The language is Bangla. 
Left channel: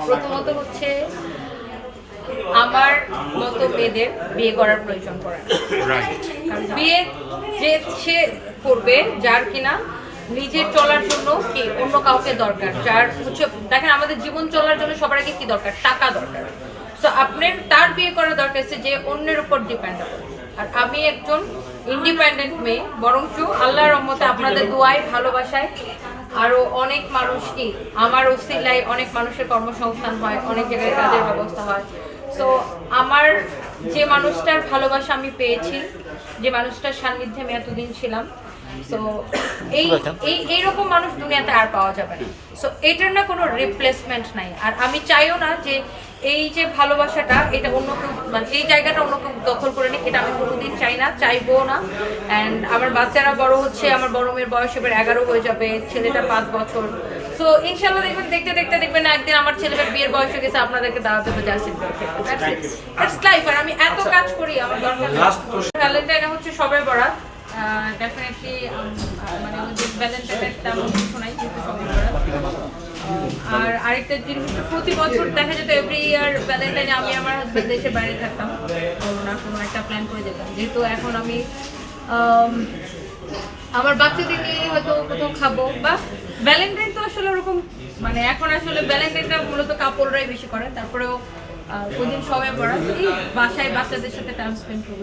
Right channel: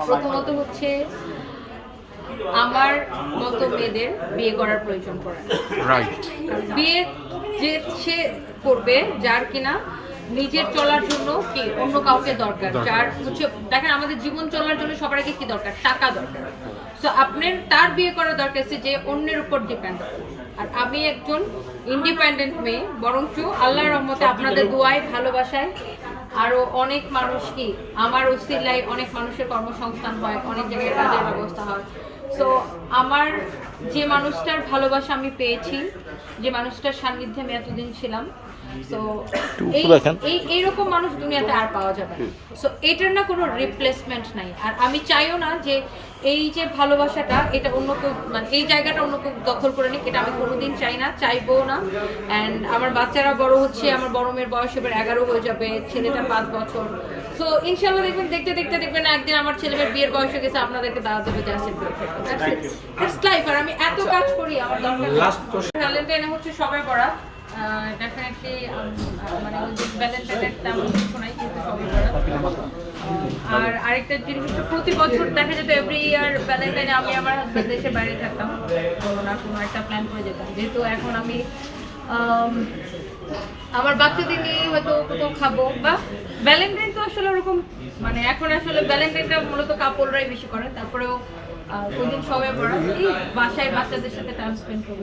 প্রথমত হচ্ছে আমার মতো মেয়েদের বিয়ে করার প্রয়োজন পড়ে রাইট বিয়ে যে সে করবে যার কিনা নিজের চলার জন্য কি অন্য কাউকে দরকার যার উচ্চ দেখেন আমাদের জীবন চলার জন্য সবার আগে কি দরকার? টাকা দরকার। তো আপনার তার বিয়ে করা দরকার আছে যে অন্যের উপর ডিপেন্ড আর আমি একজন ইন্ডিপেন্ডেন্ট মেয়ে বরঞ্চ আল্লাহর রহমতে আপনাদের দোয়ায় ভালোবাসায় আরও অনেক মানুষ কি আমার উসিলায় অনেক মানুষের কর্মসংস্থান হয় অনেক জায়গায় কাজের ব্যবস্থা হয়। সো আমার যে মানুষটার ভালোবাসা আমি পেয়েছি যে মানুষটার সান্নিধ্যে আমি এতদিন ছিলাম সো এই এই এইরকম মানুষ দুনিয়াতে আর পাওয়া যাবে না। সো এটার না কোনো রিপ্লেসমেন্ট নাই। আর আমি চাইও না যে এই যে ভালোবাসাটা এটা অন্য কেউ মানে এই জায়গাটা অন্য কেউ দখল করে নিক এটা আমি কোনোদিন চাই না চাইব না। অ্যান্ড আমার বাচ্চারা বড় হচ্ছে আমার বড় মেয়ের বয়স এবার এগারো হয়ে যাবে ছেলেটা পাঁচ বছর। সো ইনশাল্লাহ দেখবেন দেখতে দেখতে দেখবেন একদিন আমার ছেলেমেয়ের বিয়ের বয়স হয়ে গেছে আপনাদেরকে দাওয়াত দেবো জাস্টিস ইটস লাইফ আর আমি এত কাজ করি আমার দরকার ভ্যালেন্টাইন হচ্ছে সবাই বরাত। ডেফিনেটলি মানে ওই যে ভ্যালেন্টাইনের তেমন কিছু নাই কিন্তু সবাই আর আরেকটা জিনিস হচ্ছে প্রতি বছর দেখা যেত এভরি ইয়ার ভ্যালেন্টাইনে আমি আমার হাজব্যান্ড দেশে বাইরে থাকতাম। কোনো না কোনো একটা প্ল্যান করে যেতাম। যেহেতু এখন আমি আমার বাচ্চাদের নিয়ে হয়তো কোথাও খাব বা ভ্যালেন্টাইন তো আসলে ওরকম মানে এখন আসলে ভ্যালেন্টাইনটা মূলত কাপড়রাই বেশি করে। তারপরেও ওই দিন সবাই পড়া বাসায় বাচ্চাদের সাথে টাইম স্পেন্ড করব।